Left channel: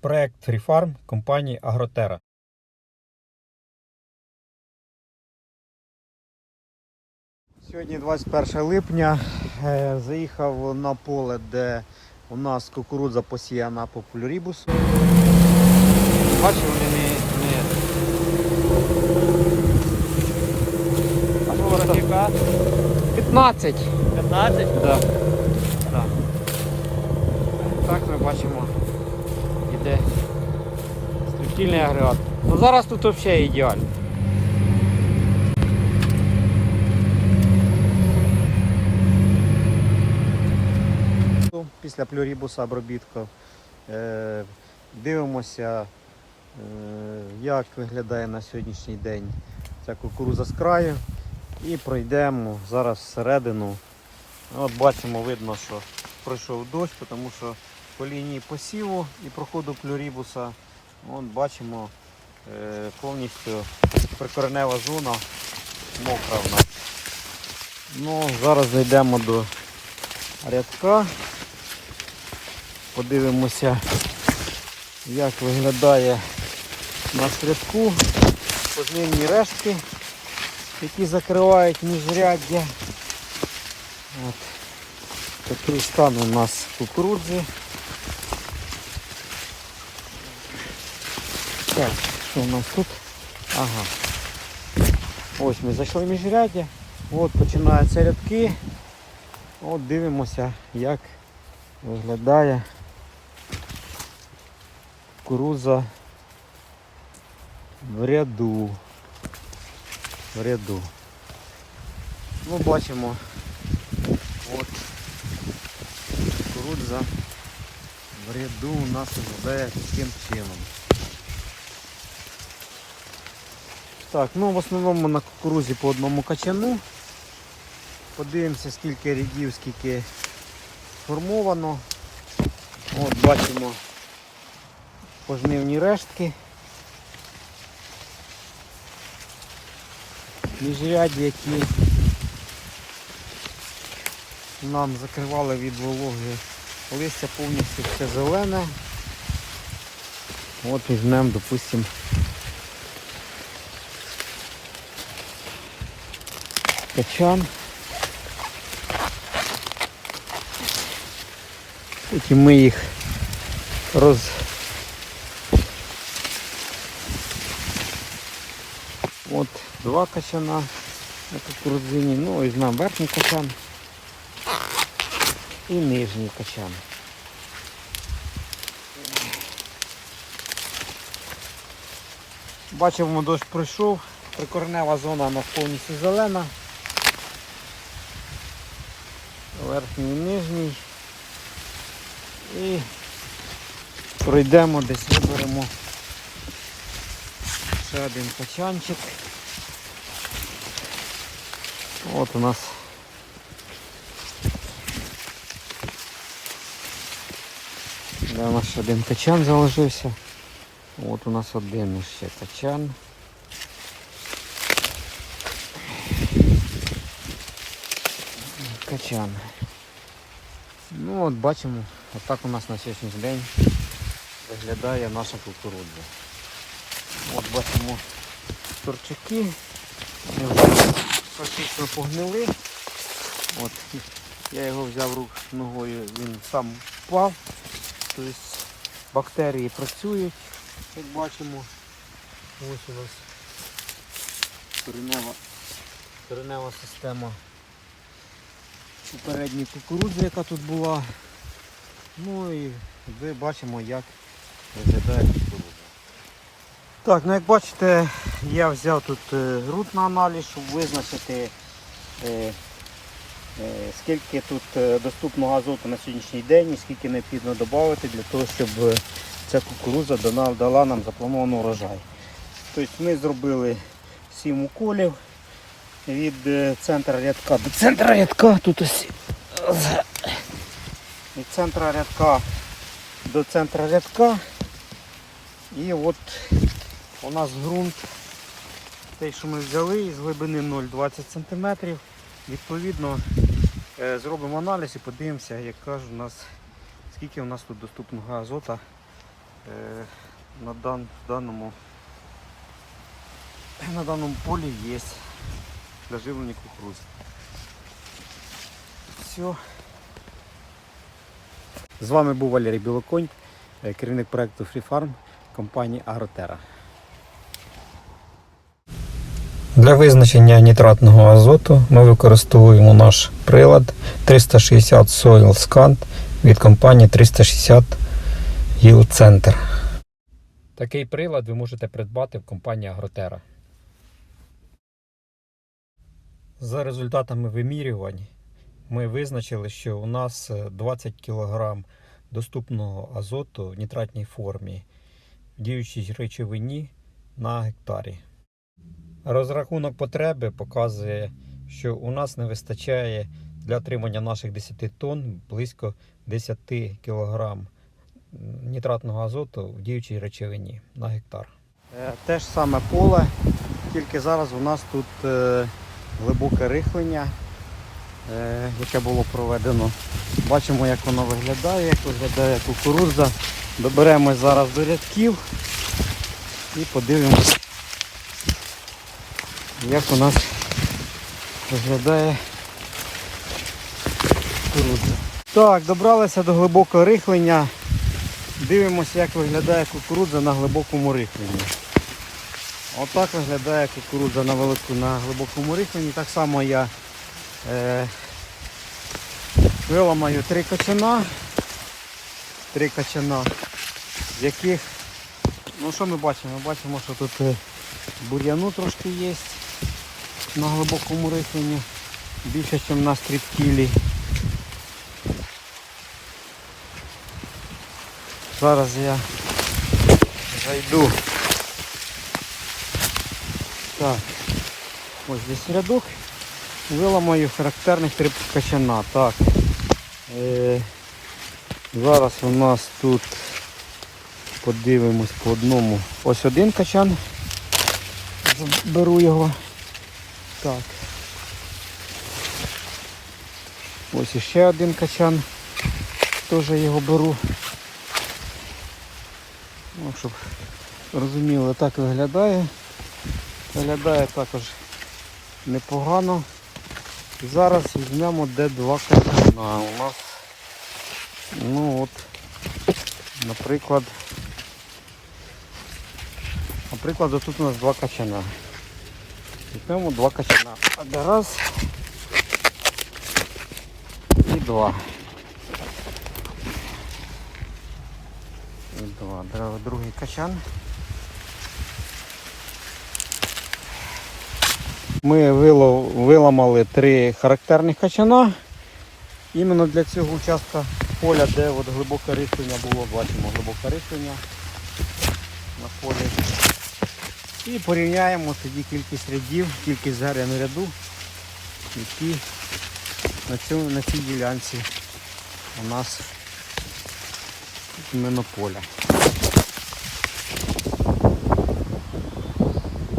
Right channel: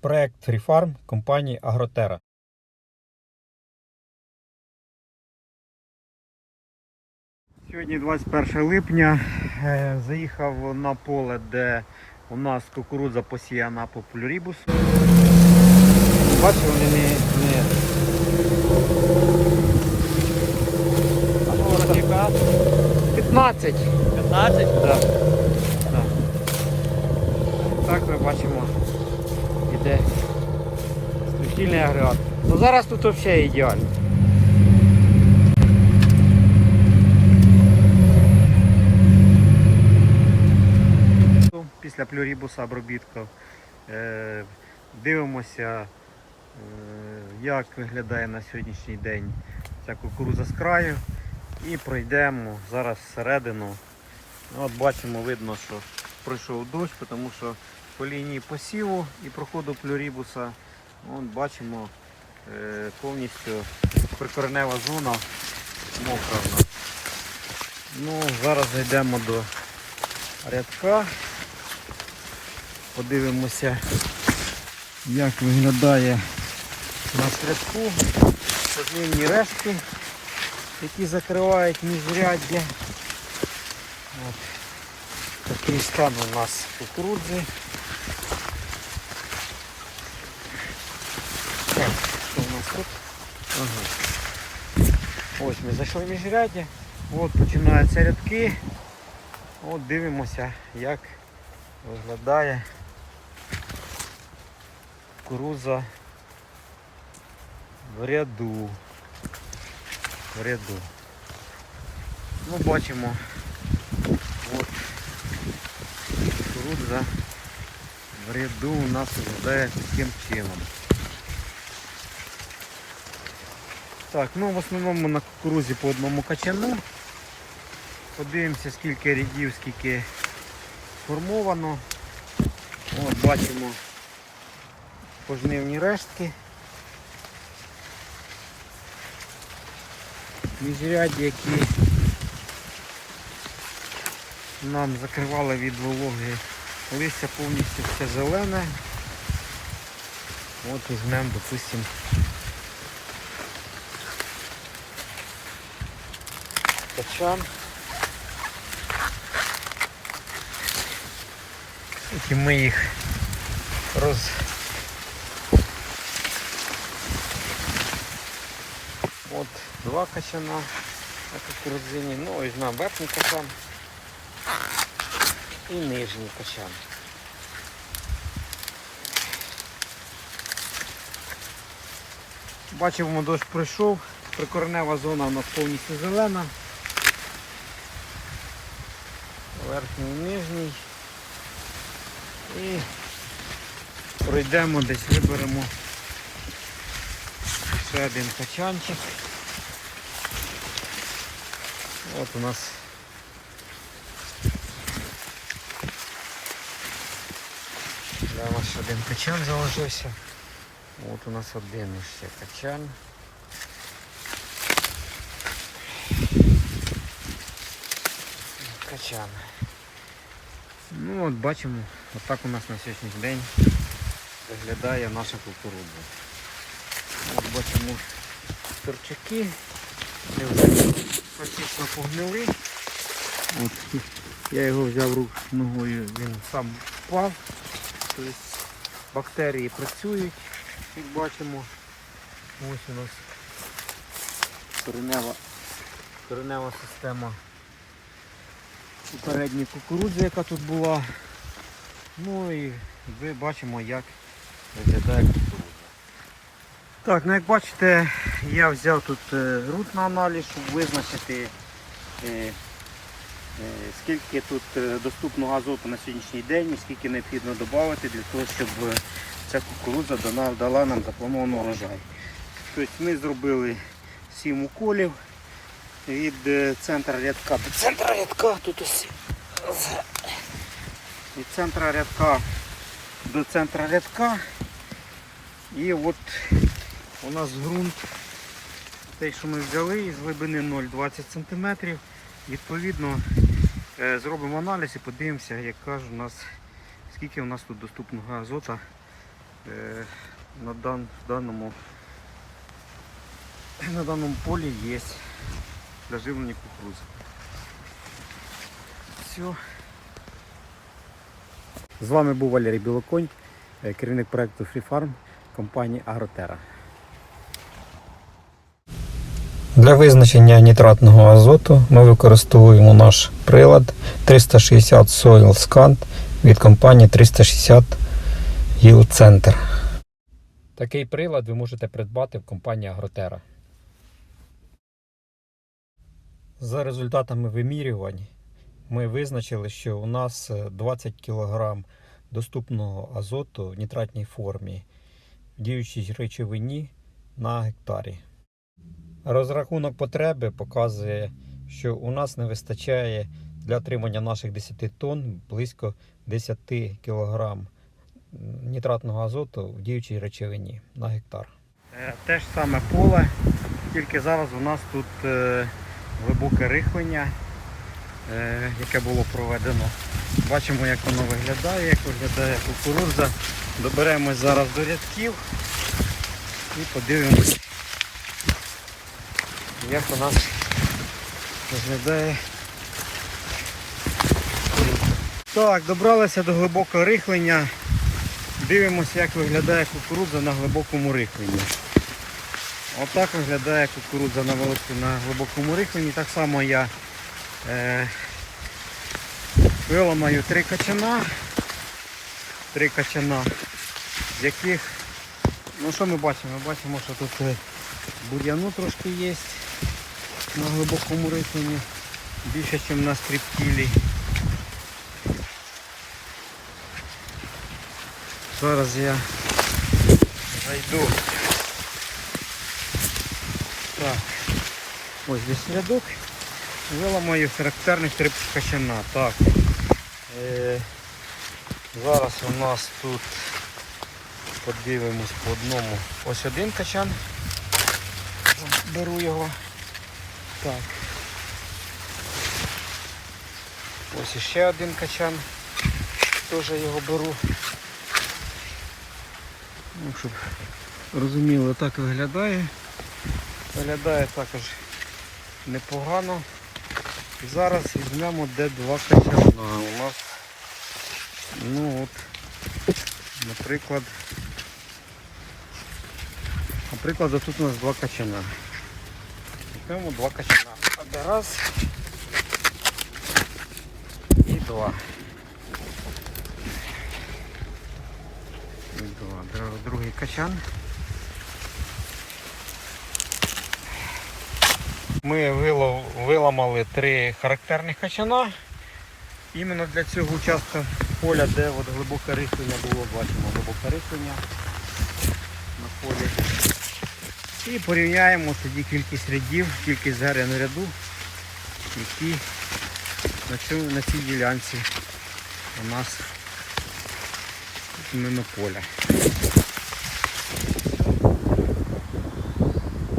Проект FreeFarm компанії Агротера. Сьогодні 21 липня. Е, Заїхав на поле, де у нас кукурудза посіяна по полюрібус. Бачите, вони не, не 15. 15? Да. Так ми бачимо, іде строфільний агрегат. Ну зараз тут взагалі ідеально. Після плюрібуса обробітку е, дивимося, е, як виглядає на сьогоднішній день ця кукуруза з краю. І пройдемо зараз всередину. Ну, От бачимо, видно, що пройшов дощ, тому що по лінії посіву і проходу плюрібуса от бачимо повністю прикоренева зона мокра в. Ну, зараз зайдемо до рядка. Подивимося, як виглядає на рядку. Позмінні рештки які закривають міжряддя. От. Такий стан у нас кукурудзи. Так, що у нас тут? Ага. Ось ми зайшли в міжряддя. От починаються рядки. От дивимося, як виглядає кукурудза в ряду в ряду. Ну, бачимо, от кукурудза в ряду у нас виглядає таким чином. Так, ну в основному на кукурузі по одному качану. Подивимося скільки рядів, скільки формовано. От бачимо пожнивні рештки. міжряді, які нам закривали від вологи листя повністю все зелене. От візьмемо, допустимо, качан. І ми їх роз От два качана на кукурудзині. Ну, візьмемо верхній качан і нижній качан. Бачимо, дощ пройшов, прикоренева зона у нас повністю зелена. Верхній нижній. І пройдемо десь, виберемо ще один качанчик. От у нас Да, у нас один качан залишився. От у нас один ще качан. Ну от бачимо, отак у нас на сьогоднішній день виглядає наша кукурудза. От бачимо торчаки. Практично погнили. От, я його взяв рук ногою, він сам впав. Тобто бактерії працюють, як бачимо. Ось у нас коренева, коренева система попередньої кукурудзи, яка тут була. Ну і ви бачимо, як виглядає кукурудза. Так, ну як бачите, я взяв тут е, ґрунт на аналіз, щоб визначити е, е, скільки тут е, доступного азоту на сьогоднішній день і скільки необхідно додати для того, щоб е, ця кукурудза дала нам запланований урожай. Тобто ми зробили 7 уколів від е, центра рядка до центра рядка. Тут ось від центра рядка до центра рядка. І от у нас ґрунт, той, що ми взяли із глибини 0,20 см. Відповідно, е, зробимо аналіз і подивимося, як кажуть, у нас, скільки у нас тут доступного азота е, на, даному, на даному полі є для живлення кукурудзи. Все. З вами був Валерій Білоконь, е, керівник проекту Free Farm компанії Агротера. Для визначення нітратного азоту ми використовуємо наш прилад 360 Soil Scan від компанії 360 Yield Center. Такий прилад ви можете придбати в компанії Агротера. За результатами вимірювань ми визначили, що у нас е, 20 кг доступного азоту в нітратній формі в діючій речовині на гектарі. Розрахунок потреби показує, що у нас не вистачає для отримання наших 10 тонн близько 10 кг нітратного азоту в діючій речовині на гектар. Е, Те ж саме поле, тільки зараз у нас тут е, глибоке рихлення, е, яке було проведено. Бачимо, як воно виглядає, як виглядає кукурудза. Доберемось зараз до рядків і подивимось, як у нас виглядає кукурудза. Так, добралися до глибокого рихлення. Дивимося, як виглядає кукурудза на глибокому рихленні. Отак виглядає кукурудза на велику на глибокому рихленні. Так само я е, виламаю три качана. Три качана, з яких, ну що ми бачимо? Ми бачимо, що тут е, бур'яну трошки є на глибокому рихленні. Більше, ніж на стріптілі. Зараз я зайду. Так. Ось десь рядок. Виламаю характерних три качана. Так. Е, зараз у нас тут подивимось по одному. Ось один качан. Беру його. Так. Ось іще один качан. Теж його беру. Ну, щоб розуміли, так виглядає. Виглядає також непогано. І зараз візьмемо де два качана. У нас, ну от, наприклад, наприклад, тут у нас два качана. Візьмемо два качана. Раз і два. І два. Другий качан. Ми виламали три характерних качана. Іменно для цього участка поля, де от глибоке рихлення було, бачимо глибоке рихлення на полі. І порівняємо тоді кількість рядів, кількість зерен ряду, які на, цьому, на цій ділянці у нас іменно поля.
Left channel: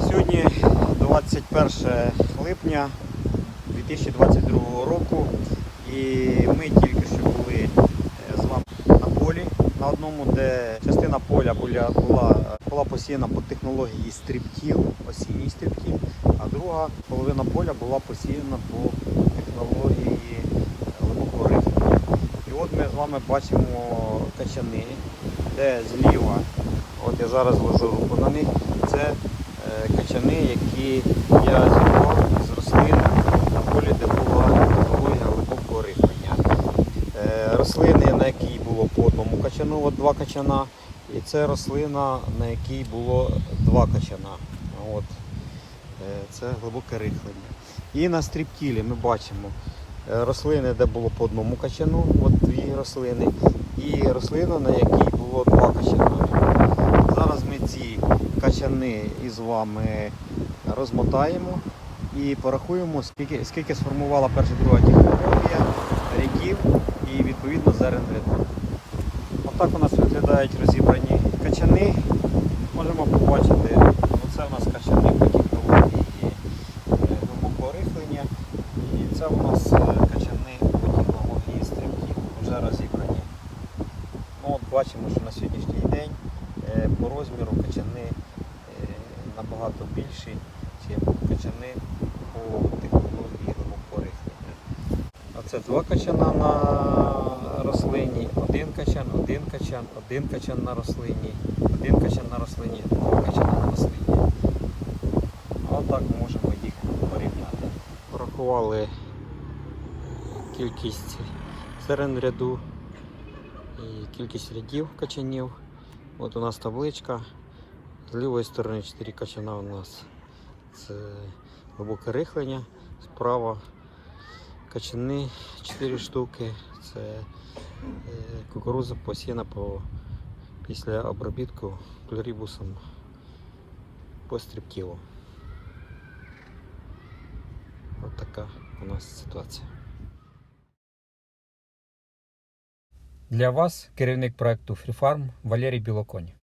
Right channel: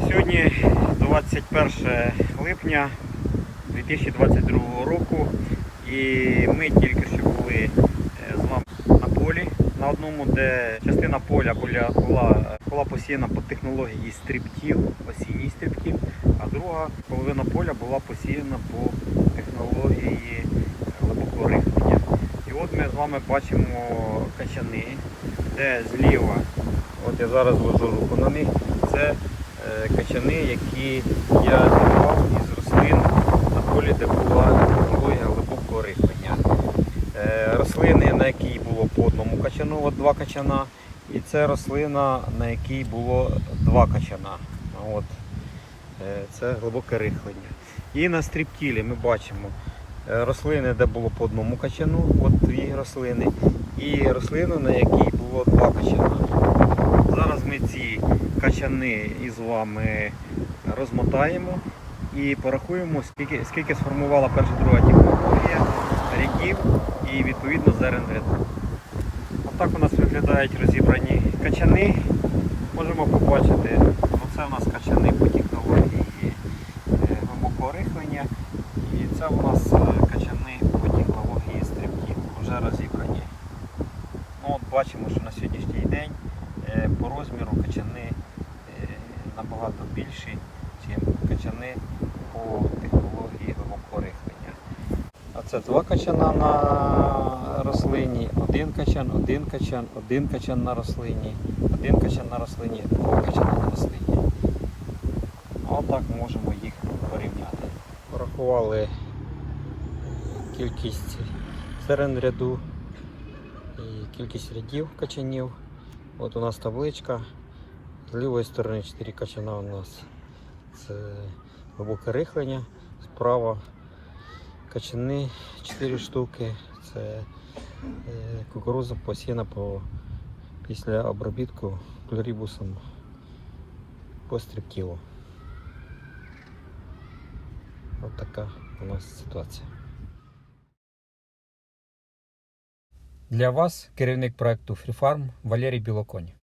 Сьогодні 21 липня 2022 року і ми тільки що були е, з вами на полі на одному, де частина поля була, була, була посіяна по технології стрибків, осінній стрибків, а друга половина поля була посіяна по технології глибокого рихлення. І от ми з вами бачимо качани, де зліва, от я зараз ложу руку на них, це е, качани, які я зірвав із рослин на полі, де була технологія глибокого рихлення. Е, Рослини, на якій було по одному качану, от два качана, і це рослина, на якій було два качана. От. Е, Це глибоке рихлення. І на стрібкілі ми бачимо е, рослини, де було по одному качану, от дві рослини, і рослина, на якій було два качана. Зараз ми ці качани із вами розмотаємо і порахуємо, скільки, скільки сформувала перша друга технологія рядів і відповідно зерен ряду. Отак у нас виглядають розібрані качани. Можемо побачити, оце у нас качани по технології е, глибокого рихлення. І це у нас е, качани по технології стрибків вже розібрані. Ну, от бачимо, що на сьогоднішній день е, по розміру качани набагато більші, ніж качани по технології глибокого рихлення. А це два качана на рослині, один качан, один качан, один качан на рослині, один качан на рослині, два качана на рослині. Отак можемо їх порівняти. Порахували кількість серед ряду і кількість рядів качанів. От у нас табличка. З лівої сторони 4 качана у нас це глибоке рихлення. Справа качани 4 штуки. Це е, кукуруза посіяна по, після обробітку плюрібусом по стрибкілу. Ось така у нас ситуація. Для вас керівник проекту FreeFarm Валерій Білоконь.